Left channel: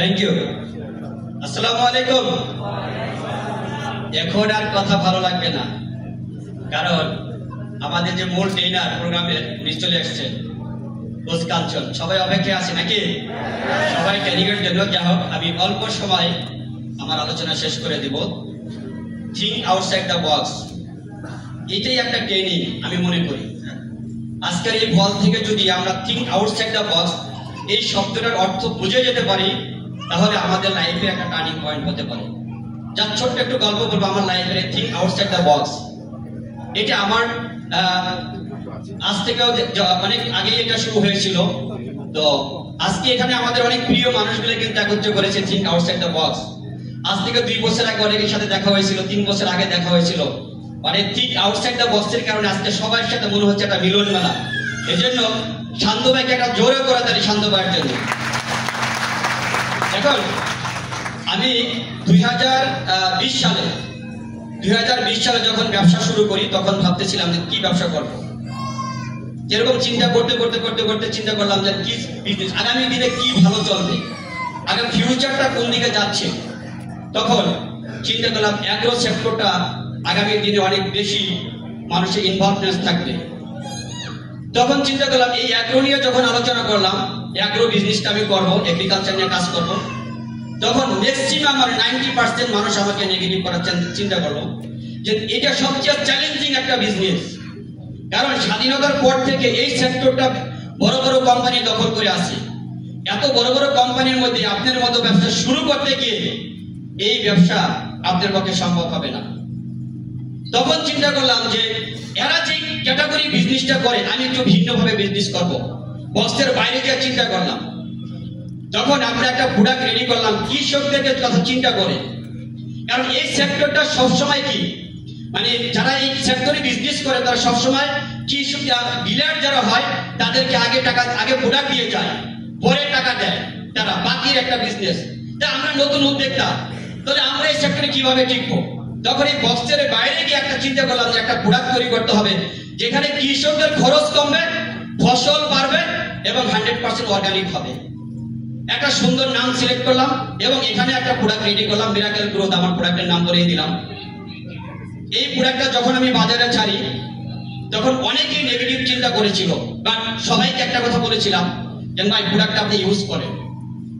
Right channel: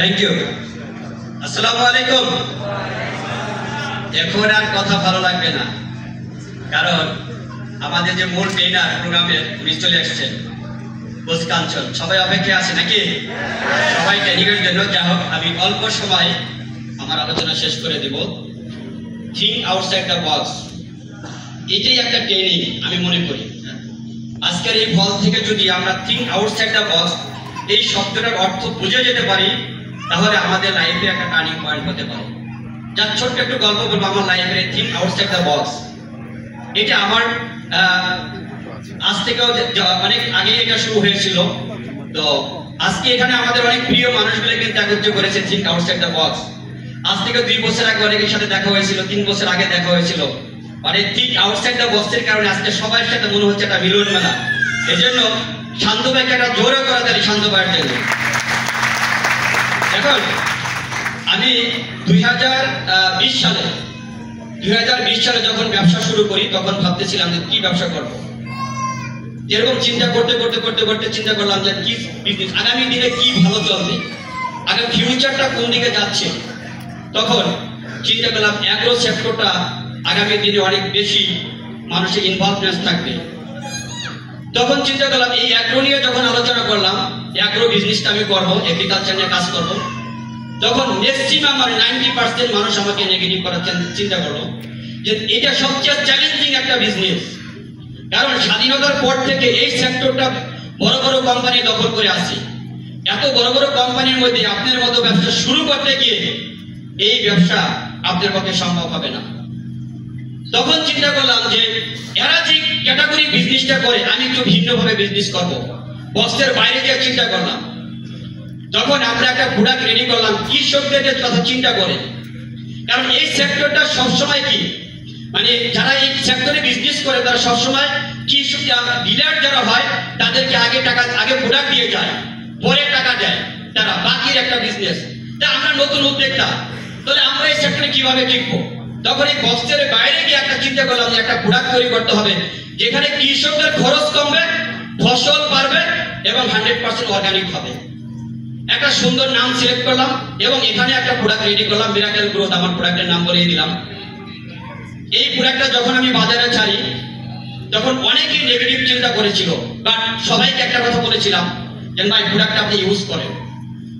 Thank you. আসসালামু আলাইকুম। এখন আর কথা ভালো লাগবে না, কারণ আমাদের যে মূল ট্রেনার প্রোগ্রামের উনি চলে এসেছেন, কোচ কাঞ্চন। সবাই অপেক্ষা আছে নাকি? সবাই ট্রেনিংয়ের জন্য। যা হোক, আমি অল্প সময় আমার আলোচনা শেষ করে দিব। থিঙ্ক আউটসাইড দ্য বক্স, এটাই একটা ট্রেনিং আমি মনে করি। আজকের এই হল থেকে যদি আমরা থিঙ্ক আউটসাইড দ্য বক্স এই শব্দটার অর্থ বুঝে যেতে পারি, তাহলে আমাদের লাইফে একটা টার্নিং পয়েন্ট হতে পারে। যার ছোট্ট একটু গল্প বলবো আমার লাইফে থিঙ্ক আউটসাইড দ্য বক্স। এটা আমার আজ থেকেও অনেক আগে এটা শুরু হয়েছিল। তো আজকে এখানে আমাদের অনেক প্রিয় মানুষগুলো কিন্তু একত্রিত করেছে থিঙ্ক আউটসাইড দ্য বক্স। আজ থেকে 2 বছর আগে অনেকের সাথে দেখা হয়েছিল, 3 বছর আগে দেখা হয়েছিল। মানে থিঙ্ক আউটসাইড দ্য বক্সের কারণে আজকে সবার সাথে মনে হচ্ছে একটা মিলন মেলা। এই জন্য শান্ত ভাইকে একটা জোরে করা তারি শান্ত ভাইয়ের জন্য। এখন আমি 2020 সালে যখন ব্যবসা শুরু করি, তখন ভাবতেছিলাম যে কি ব্যবসা করব। এরকম চিন্তা করতে চিন্তা করলাম যে কি বিজনেস, আগামী দিনে কি ভালো চলবে, আগামী ফিউচারটা কোন দিকে যাচ্ছে। তখন চিন্তা করলাম অ্যাগ্রো সেক্টরটা আগামী দিনে অনেক বেশি মানুষের ইনভলভমেন্ট থাকবে। তখন চিন্তা করলাম এই অ্যাগ্রো নিয়ে যখন আলোচনা করলাম, অ্যাগ্রো বিজনেসটা আমি করবো, এগ্রিকালচার নিয়ে কাজ করবো, তখন ম্যাক্সিমাম 90% মানুষ আমাকে নেগেটিভ করার চিন্তা করলো যে এটা সবচেয়ে চ্যালেঞ্জিং একটা বিজনেস। কারণ স্বাধীনতার পর থেকে এই সেক্টরটা বড় বড় কোম্পানি দখল করে আছে। এত বড় বড় কোম্পানির মধ্যে আপনার মতো ব্যবসা শুরু করতে গিয়ে এই ব্যবসা আপনার পক্ষে সম্ভব হবে না। তখন চিন্তা করলাম যে এরা যে ক্যাটাগরি বিজনেসটা করে, আমি একটু ভিন্নভাবে বিজনেস করবো, বক্সের বাইরে গিয়ে চিন্তা করলাম। তখন আমরা একটা প্রোডাক্ট রেডি করলাম কৃষকদের কথা চিন্তা করে। কারণ এই সেক্টরটা সবসময় কি, মানে যারা এই সেক্টরে বিজনেস করে তারা সবসময় কৃষক ডিলার যারা হয় তাদেরকে আগে প্রোডাক্ট দিয়ে যায়, পরে টাকা দেয় তারা, বাকির একটা বিজনেস। তাই আমরা নতুন উদ্যোক্তা, তাহলে আমরা এই সেক্টরে কিভাবে টিকবো? তখন এই বক্সের বাইরে গিয়ে একটা চিন্তা করলাম যে একটা প্রোডাক্ট তৈরি করতে হবে যেখানে কৃষকদের খরচ কমবে, ফসল বাড়বে এবং 100% অর্গানিক হবে। একটা সুন্দর নাম সিলেক্ট করলাম এবং এখানে একটা প্রোডাক্ট রেডি করলাম, মিরাকেল গ্রোথ আমার প্রোডাক্টের নাম বলিয়ে দিলাম। এই প্রোডাক্টটা যখন আমি বাজারে ছাড়ি, তখন অনেকেই নেগেটিভ চিন্তা করেছিল, বাট সবাইকে একটা কথা বলেছিলাম যে ভাই প্রোডাক্টটা আপনি ইউজ করেন,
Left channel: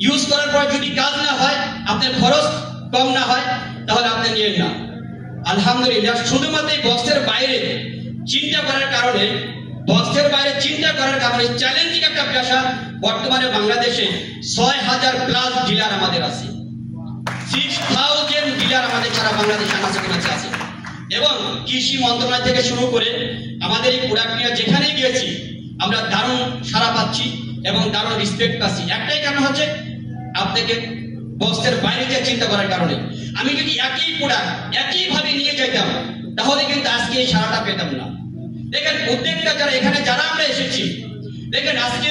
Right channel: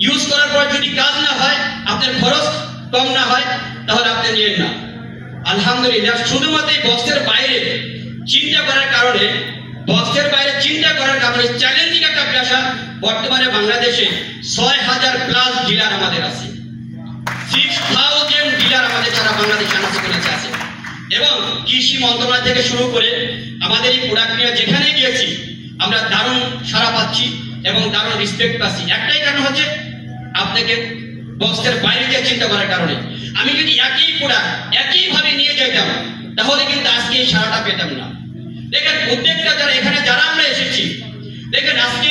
ইউজ করার পর যদি কাজ না হয়, আপনার খরচ কম না হয়, তাহলে আপনি নিয়েন না। আলহামদুলিল্লাহ, শুধুমাত্র এই বক্সের বাইরে চিন্তা করার কারণে, চ্যালেঞ্জিং একটা পেশা। বর্তমানে বাংলাদেশে 6000+ ডিলার আমাদের আছে, 6000 ডিলার আমাদের সারা বাংলাদেশে আছে। এবং কৃষি মন্ত্রণালয় থেকে শুরু করে আমাদের এই প্রোডাক্ট নিয়ে যেখানে গিয়েছি আমরা দারুণ সাড়া পাচ্ছি এবং দারুণ রেসপেক্ট পাচ্ছি। একটাই কারণ হচ্ছে আপনাকে বক্সের বাইরে গিয়ে চিন্তা করার কারণে। আমি যদি একই প্রোডাক্ট একইভাবে নিয়ে যেতাম, তাহলে কিন্তু আজকে এই সাড়াটা পেতাম না। দেখেন উদ্যোক্তা যারা আমরা এসেছি, দেখেন আজকে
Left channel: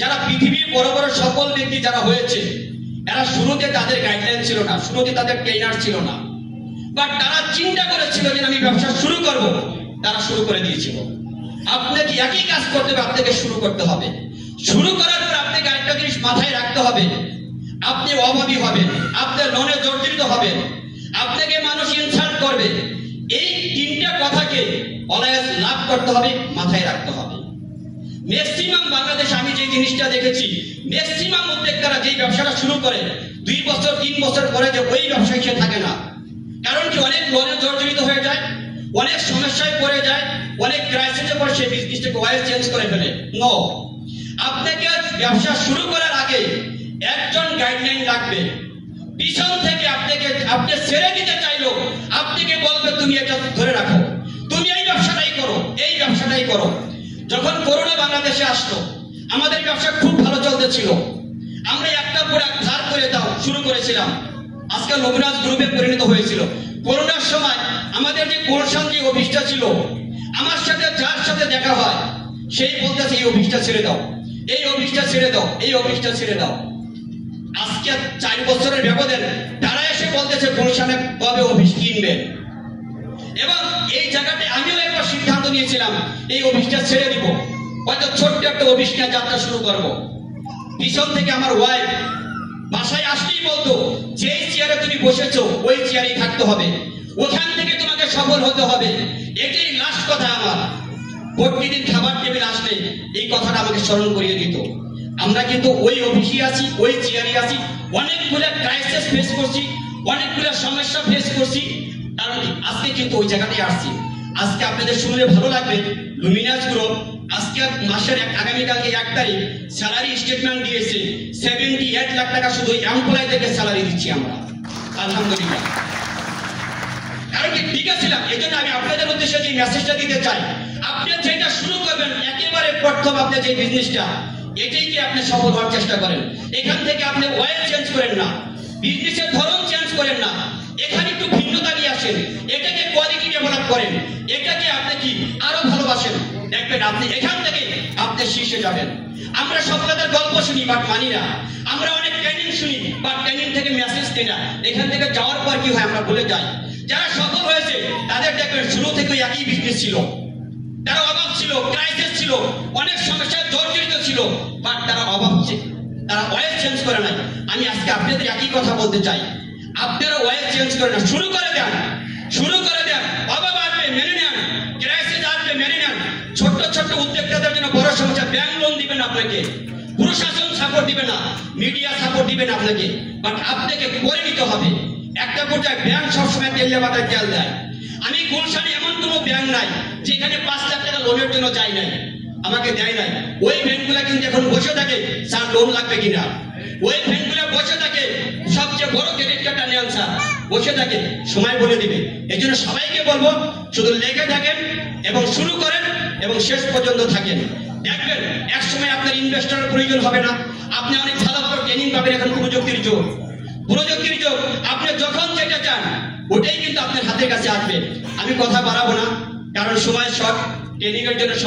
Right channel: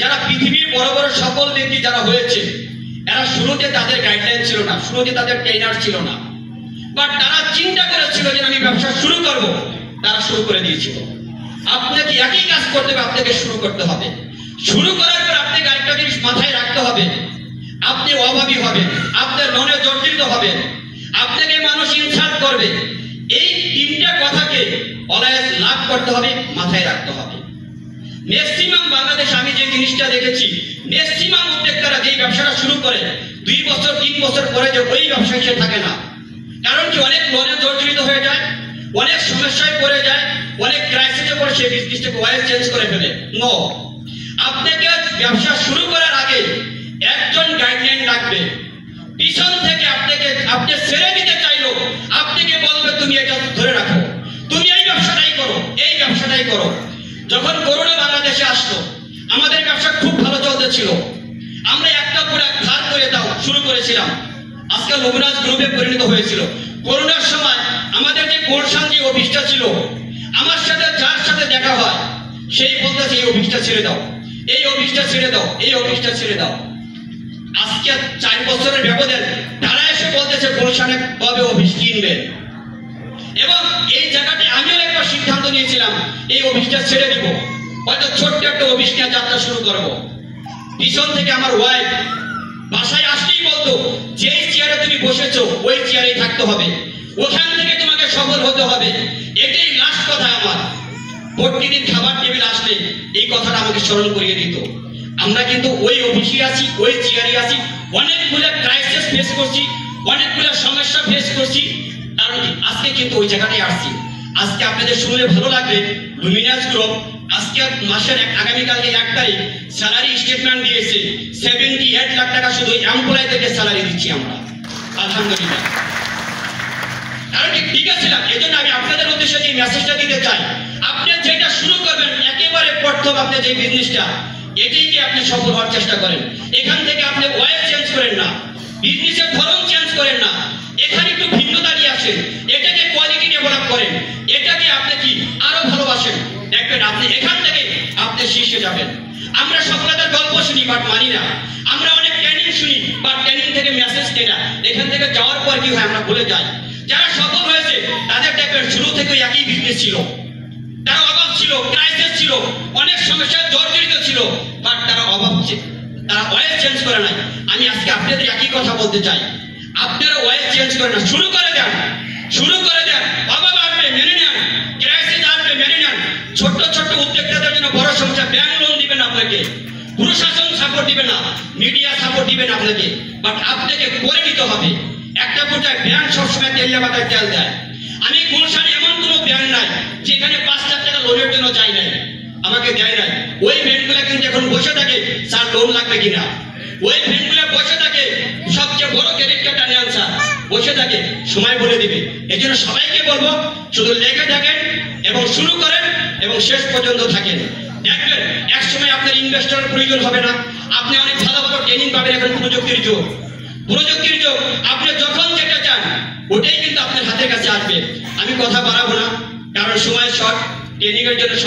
যারা পৃথিবীর বড় বড় সফল ব্যক্তি যারা হয়েছে, এরা শুরুতে তাদের গাইডলাইন ছিল না, শুরুতে তাদের ট্রেনার ছিল না, বাট তারা চিন্তা করেছিল যে আমি ব্যবসা শুরু করব, তারা শুরু করে দিয়েছিল। আপনাকে একই কাজ করতে হবে, আপনাকে শুরু করতে হবে। শুরু করার পর আপনাকে আরেকটা জিনিস মাথায় রাখতে হবে, আপনি অভাবী হবেন, আপনার মনে জর্জরিত হবেন, আপনাকে মানুষ ইনসাল্ট করবে। এই 3টা কথাকে অলওয়েজ লাভ করতে হবে, মাথায় রাখতে হবে। ম্যাক্সিমাম বাংলাদেশে আমি যে জিনিসটা দেখেছি, ম্যাক্সিমাম উদ্যোক্তারা যেই ব্যবসাটা শুরু করে 2 বছর 3 বছর পরে যে ওই ব্যবসায় সে থাকে না। কারণ কি, অনেক লোনে জর্জরিত হয়ে যায়, অনেক সমস্যায় পড়ে যায়, অনেক ক্রাইসিসে পড়ে সে বিজনেসটাকে ওয়াইজ চেঞ্জ করে ফেলে। নো, আপনাকে ব্যবসা শুরু করার আগে একজন গাইডলাইন রাখবে, পিছন থেকে আপনি ছেড়ে দিতে চাইলো আপনাকে বলবে তুমি এটা ধরে রাখো, তুমি এই ব্যবসাটাই করো। যখন করোনা বাংলাদেশে আসলো, আমাদের ব্যবসা খুব ভালো চলতেছিল, আমরা একটা প্রোডাক্ট ধার করে শুরু করেছিলাম, আজকে লোকরাজ গ্রুপে পরিণত হয়েছিল। করোনার সময় আমাদের যে গুলশান যে অফিসটা ছিল, আমার সাথে যার সাথে দেখা হয় সেই বলতেছে এই অফিসটা ছেড়ে দাও, এই অফিসটা ছেড়ে দাও। আজকে 4 বছরের ব্যবধান তারা এসে বলতেছে গুলশানে কবে অফিস কিনবে। এবং এই জায়গাটায় আমিও একটা সিদ্ধান্ত নিয়েছিলাম, এই অফিসটা ছেড়ে দিব, হয়তো ছোট্ট একটা অফিস নিয়ে যাত্রা শুরু করব। পিছন থেকে আমার ওয়াইফ বাসায় আসলেই বলতো যে চেয়ারে তুমি বসেছো ওই চেয়ারেই থাকতে হবে, ওখান থেকে তোমাকে সফল হতে হবে। এটাই লাস্ট কথা আমার। প্রতিদিন খাবার টেবিল আসলে এই কথাটা আমাকে স্মরণ করিয়ে দিত। আমরা কিন্তু ওই অফিসে আছি, ওই চেয়ারে আছি, অনেকগুলো ক্রাইসিস ফেস করছি, অনেকগুলো সমস্যা ফেস করছি, কারণ আজকে কিন্তু ওই জায়গাটায় আসছি। আজকে আপনাদের শুনলে ভালো লাগবে, লুমিনাস গ্রুপ আজকে মাসের আগামীকালকে 1 তারিখ স্যালারি স্টেটমেন্ট দিয়েছে। 78 লাখ টাকা শুধু এমপ্লয় থেকে স্যালারি দিচ্ছি আমরা, আলহামদুলিল্লাহ। কারণ ঠিক আছে, এই জন্য আমি আপনাদের উদ্দেশ্যে যে মেসেজটা দিতে চাই, আপনি যেটা শুরু করবেন একেবারে প্রথম আপনি যে বিজনেসটা, এটাইকে আপনি সফল হওয়ার চেষ্টা করেন। এখান থেকে আপনি ওয়েল চেঞ্জ করেন না, বিজনেসের ধরন চেঞ্জ করেন না, এখানে একটু ভিন্নতা নিয়ে আসেন, এটাকে কোয়ালিটি ডেভেলপ করেন, এটাকে আপনি কি আরো ভালোবাসেন, দেখবেন আপনি এখান থেকে আপনি শীর্ষে যাবেন। আমরা সফলতার গল্প শুনি বাট মানি না, আমরা অনেক ট্রেনিং শুনি বাট ট্রেনিং থেকে মেসেজ দেই না, এখান থেকে যাওয়ার পর কি হয় আমরা ভুলে যাই। যারা সফল হয়েছে তাদের দেখবেন শুরু থেকে একই বিজনেস ছিল, তার অভাব ছিল, ক্রাইসিস ছিল, অনেক সমস্যায় জর্জরিত ছিল, বাট তারা অভাব ছিল, তারা ওয়েল চেঞ্জ করে নাই। আমি আজকে আপনাদের একই কথা বলতে চাই, আপনারা ওয়েল চেঞ্জ করে না, শুরু করে দেন, শুরু করে দেন। অভাব আসবে মেনে নেন, ক্রাইসিস আসবে মেনে নেন। ছোট ছোট উদ্যোক্তাদের জন্য বড় সমস্যা, ব্যাংক লোন দিবেন আপনাকে, প্রশাসন সাপোর্ট দিবে না, মিডিয়া সাপোর্ট দিবে না আপনাকে, বাট আপনাকে করে নিতে হবে। একটা পর্যায়ে ব্যাংক সবসময় তেলে মাথায় তেল দেয়। আমি গুলশানে এমন কোনো ব্যাংক নাই যেখানে 5 লাখ টাকা লোনের জন্য চাই নাই, আমাকে দেয় নাই। ওই ব্যাংকগুলো কিন্তু এখন বসে থাকে স্যার লোন লাগবে কিনা, ওই ব্যাংকগুলো বসে থাকে সবচেয়ে বড় ক্রেডিট কার্ডটা নেন স্যার, বসে থাকে, সময় বলে দিবে। এই জন্য সবাইকে বলবো শুধু লেগে থাকেন এবং শুরু করেন এবং শেষ পর্যন্ত থাকেন, দেখবেন এক সময় আপনার ইনভেস্টরের প্রয়োজন হবে না, আপনি অনেক ভালো ভালো ট্রেনিং পাবেন। এখন প্রযুক্তির যুগ, প্রযুক্তির যুগ, আপনি যখন যেটা চান ওটাই কিন্তু আপনার হাতের কাছে আসবে। আমি কথা বাড়াবো না কারণ সময় শর্ট, ট্রেনিং এর জন্য সবাই